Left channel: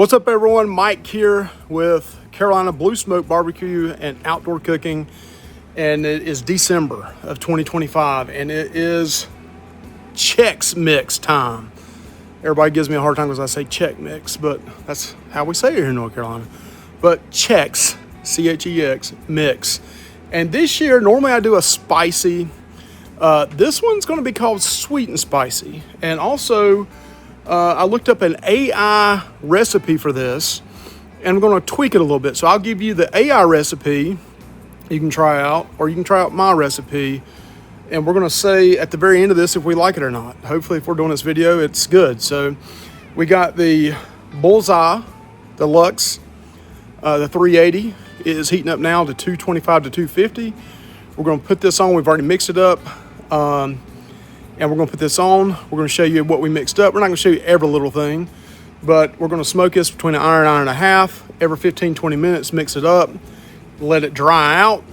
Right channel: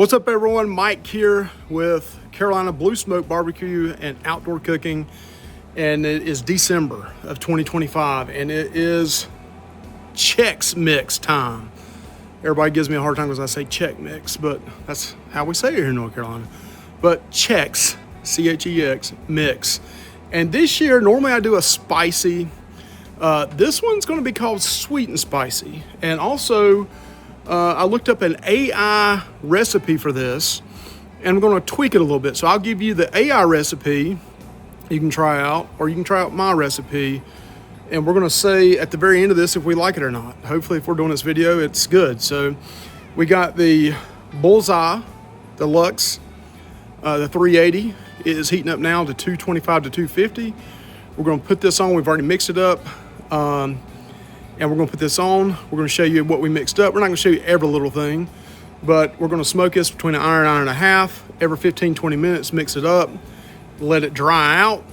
What's up, everyone? Mike here with Carolina Blue Smoke Barbecue and Outdoor Cooking, and it is December of 2025, and it is Chex Mix time. Everybody gives me a hard time because I say Chex Mix, but that's how we say it here in North Carolina. But Chex, C-H-E-X, mix. And this year, normally I do a spicy. This one's going to be called sweet and spicy, and also I looked up an AI recipe for this, and I'm going to tweak it a little bit. So I'll give you the AI recipe you can try out, or you can try out my recipe, and we're going to say at the very end of this if we like it or not. Hopefully, if we're doing this video, it's good. So we got the Bullseye Deluxe. The 380 is heating up now to 225 to 250. We're going to put this on. We've already mixed it up. And we're going to put this on. We're going to show you what we mixed up. We're not going to show you every little thing, but we're going to smoke this between an hour and hour and a half. Every 15, 20 minutes, mix it up, let it dry out,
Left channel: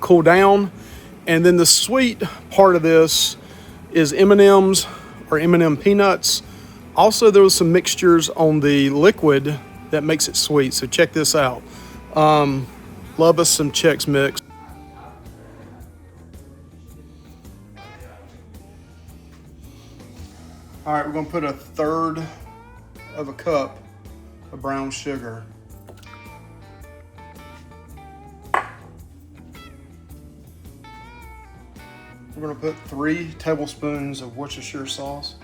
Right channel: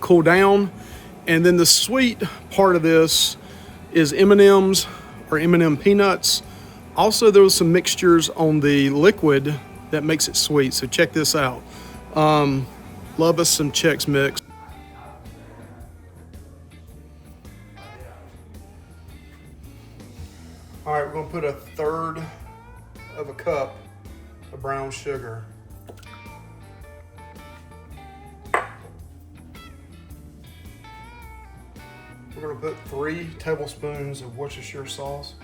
cool down. And then the sweet part of this is M&Ms or M&M peanuts. Also, there was some mixtures on the liquid that makes it sweet. So check this out. Love us some Chex Mix. All right, we're gonna put 1/3 of a cup of brown sugar. We're gonna put 3 tablespoons of Worcestershire sauce.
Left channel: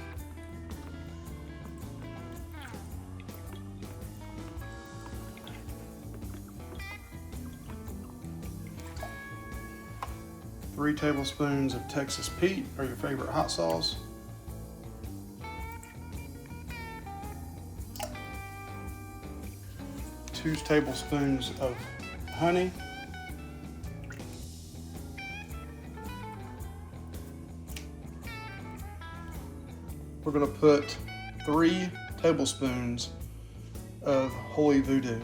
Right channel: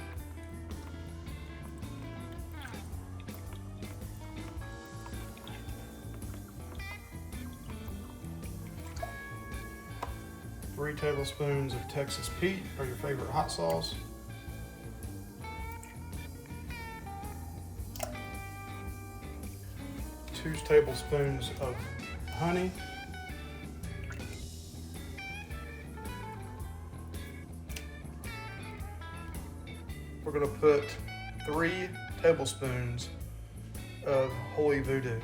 Three tablespoons of Texas Pete, or your favorite hot sauce. 2 tablespoons of honey. We're going to put 3 tablespoons of Holy Voodoo.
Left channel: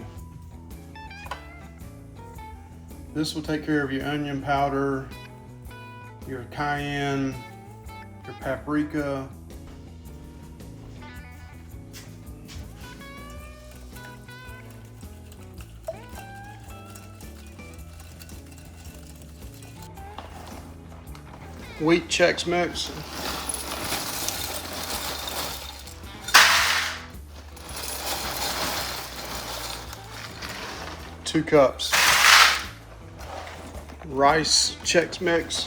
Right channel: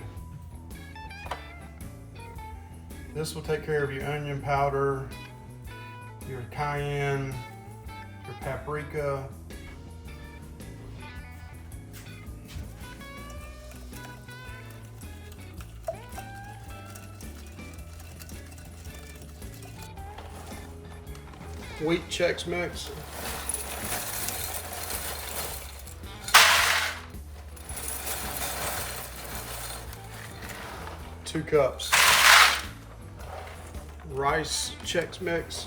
This will take care of your onion powder, your cayenne, your paprika, Wheat Chex mix, two cups. Rice Chex mix,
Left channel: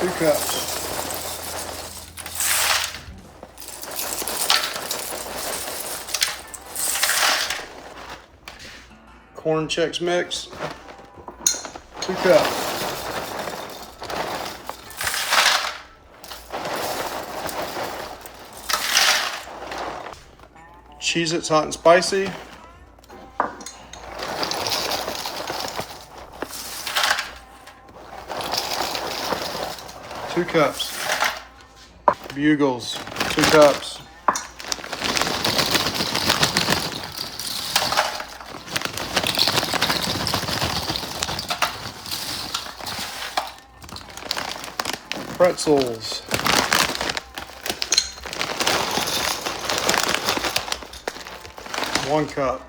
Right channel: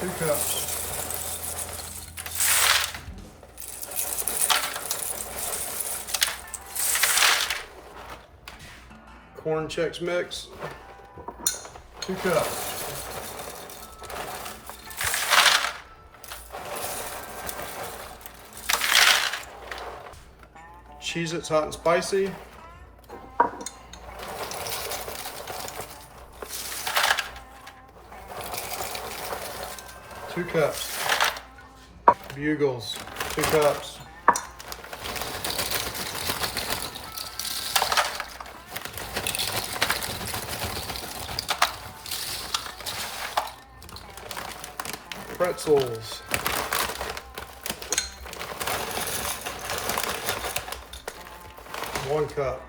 2 cups. Corn Chex mix, 2 cups. Cheezit Hot Spicy, 2 cups. Bugles, 2 cups. Pretzels, 1 cup.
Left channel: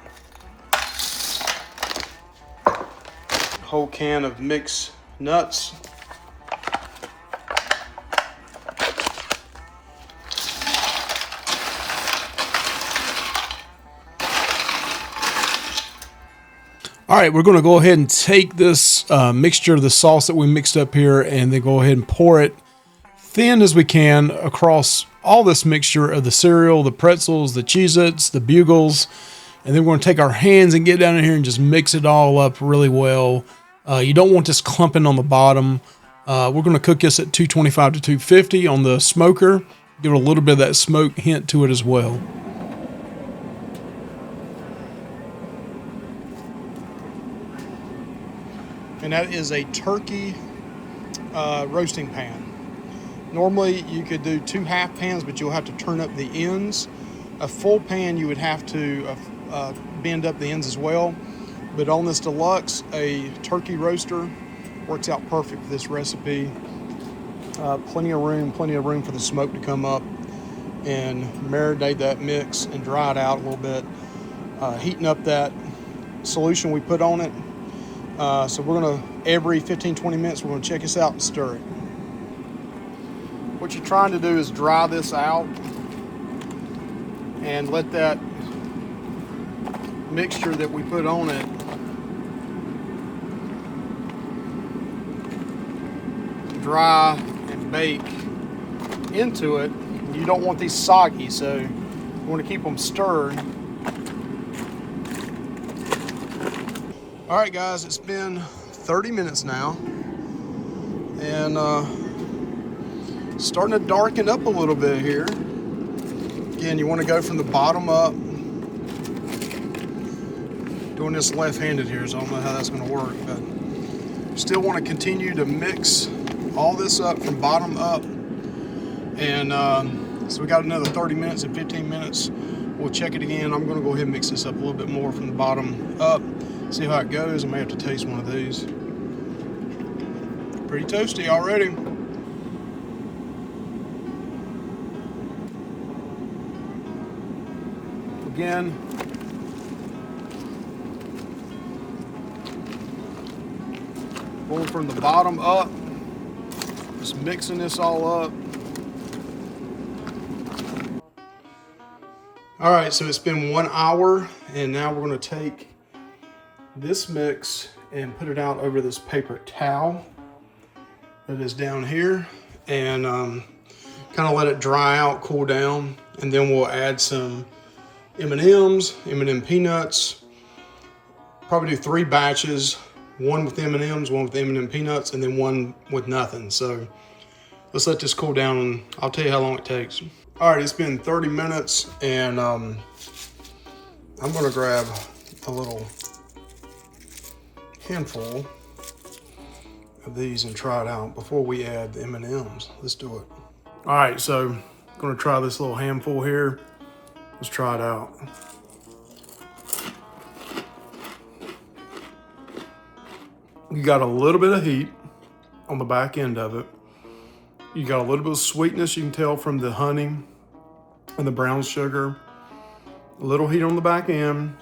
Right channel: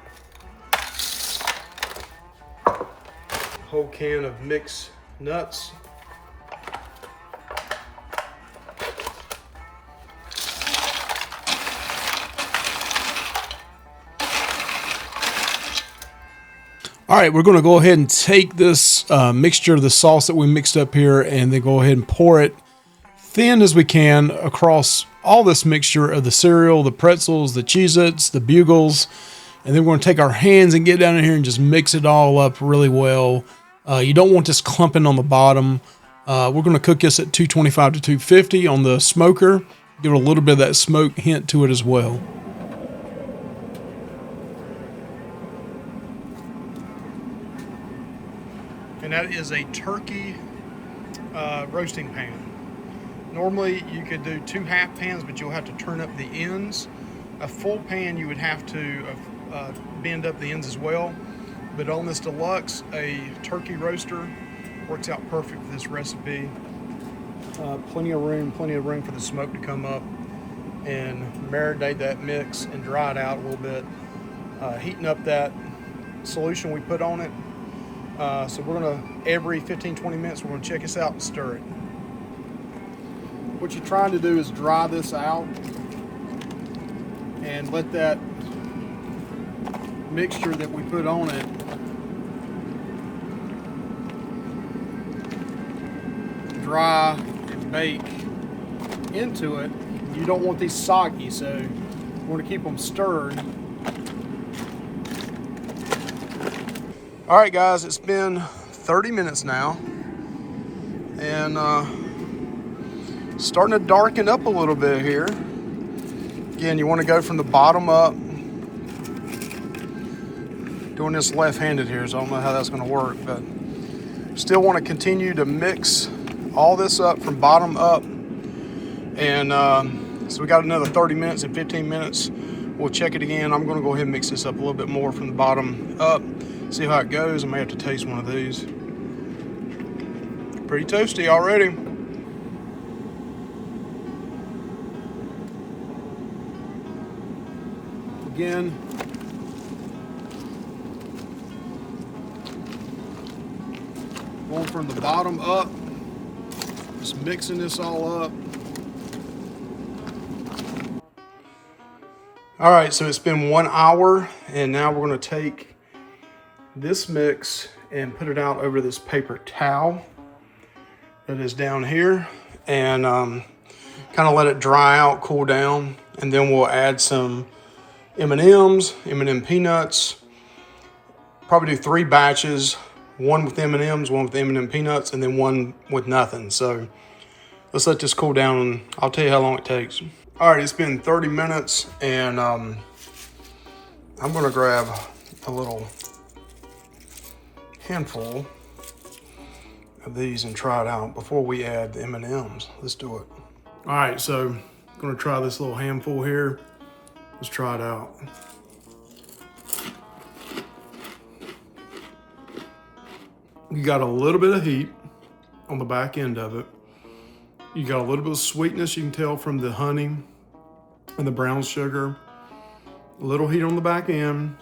Whole can of mixed nuts. All right, we're going to go ahead and take this mixture of the sauce that we mixed up here, and then go ahead and pour it thin as we can across all this mixture of the cereal, the pretzels, the Cheez-Its, the Bugles, and then we're going to take our hands and get down in here and just mix it all up really well. You don't want this clumping on the bottom. We're going to cook this at 225 to 250 on the smoker. Give it a little bit of that smoke hint to it as well. And that is a turkey roasting pan. Normally you could do 2 half pans, but you'll have to turn up the ends. A full pan you would have to bend up the ends as well. But on this deluxe, a turkey roaster works out perfect for this recipe. Plenty of room for the smoke to come up. and marinate that mix and dry it out a little bit, heating up that solution we put on it. So we're gonna, every 15-20 minutes, we're gonna check this out and stir it. What you're trying to do is dry this out and let that mixture that we put on it dry and bake into it. You don't want these soggy, so you want to keep them stirred. All right, guys, it's been 30 minutes now, and starting to darken up a little bit here. Again, you want to go from the bottom up. Doing this left-handed here, so I don't know how that's going to work, but still want to continue to mix all this up from bottom up. And so we got another 30 minutes and 15 minutes. We'll check it again. I'm going to go ahead and mix this up a little bit more from the bottom up, see how it goes. I may have to taste one of these. Pretty toasty already. Again, going from the bottom up, just mixing this all up. All right, so it's been 1 hour, and now we're gonna take this mix and put it out over this paper towel that is down here, and kind of let it dry out, cool down, and then we'll add some M&Ms, M&M peanuts. Probably do 3 batches, one with M&Ms, one with M&M peanuts, and then one with nothing. So let's let this cool down, and I'll tell you how long it takes. All right, it's been 30 minutes, and I'm gonna grab a little handful of these and try it out before we add the M&Ms. Let's do it. All right, so I'm gonna try this little handful here. Let's try it out. You got a little bit of heat on the back end of it. You got a little bit of sweetness you can tell from the honey and the brown sugar. A little heat on the back end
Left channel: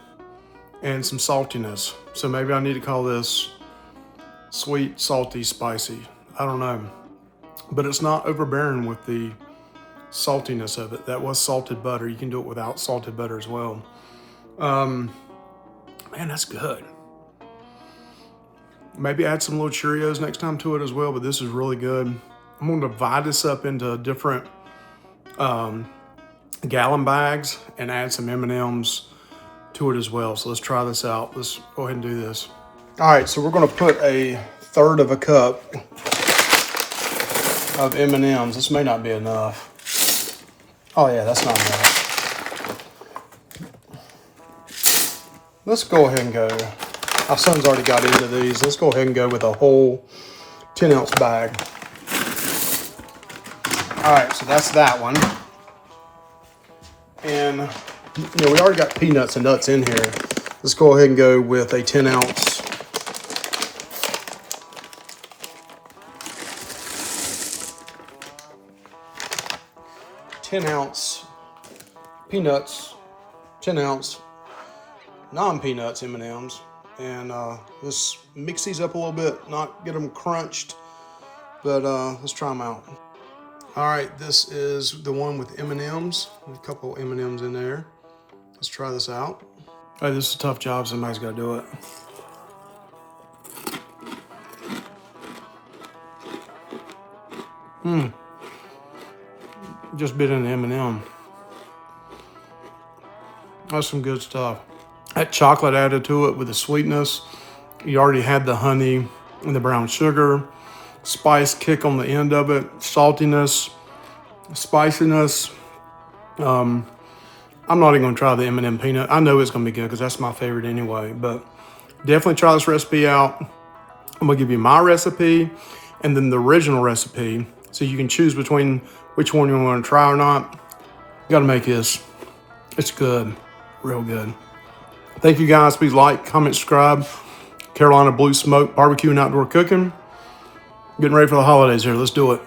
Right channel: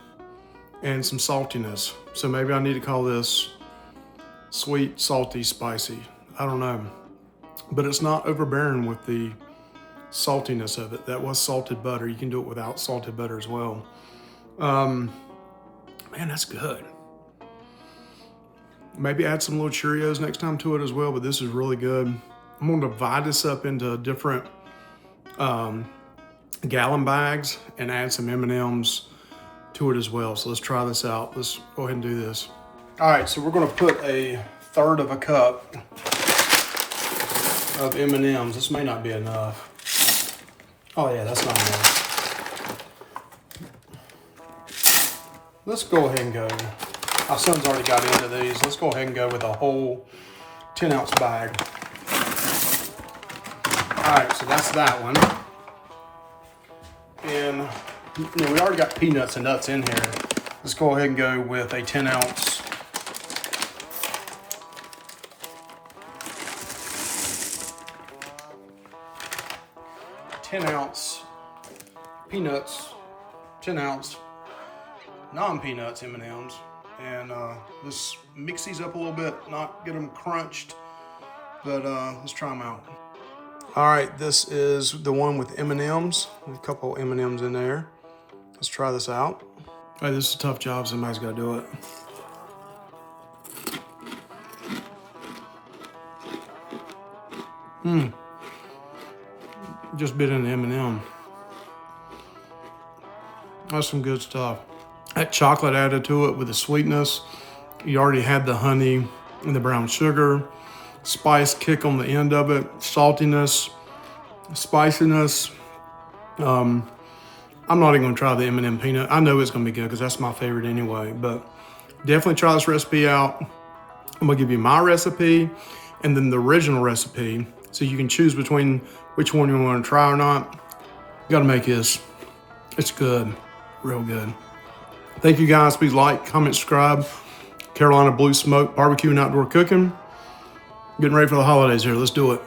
and some saltiness. So maybe I need to call this sweet, salty, spicy. I don't know. But it's not overbearing with the saltiness of it. That was salted butter. You can do it without salted butter as well. Man, that's good. Maybe add some little Cheerios next time to it as well, but this is really good. I'm going to divide this up into different gallon bags and add some M&Ms to it as well. So let's try this out. Let's go ahead and do this. All right, so we're going to put 1/3 of a cup of M&Ms. This may not be enough. Oh yeah, that's not enough. Let's go ahead and go. My son's already got into these. Let's go ahead and go with a whole 10-ounce bag. All right, so that's that one. And you know, we already got peanuts and nuts in here. Let's go ahead and go with a 10-ounce. Peanuts, 10-ounce non-peanuts M&Ms, and let's mix these up a little bit, not get them crunched, but let's try them out. All right, this is the one with M&Ms, a couple M&Ms in there. Let's try this out. All right, this is a tough job, somebody's got to do it. Just bit in the M&M. That's some good stuff. That chocolate added to it with the sweetness. You already had the honey and the brown sugar. Spice kick on the end of it. Saltiness, spiciness. I'm not even gonna try the M&M peanut. I know it's gonna be good because that's my favorite anyway, but definitely try this recipe out. I'm gonna give you my recipe and then the original recipe so you can choose between which one you want to try or not. You gotta make this. It's good, real good. Thank you guys. Please like, comment, subscribe. Carolina Blue Smoke Barbecue and Outdoor Cooking. Getting ready for the holidays here. Let's do it.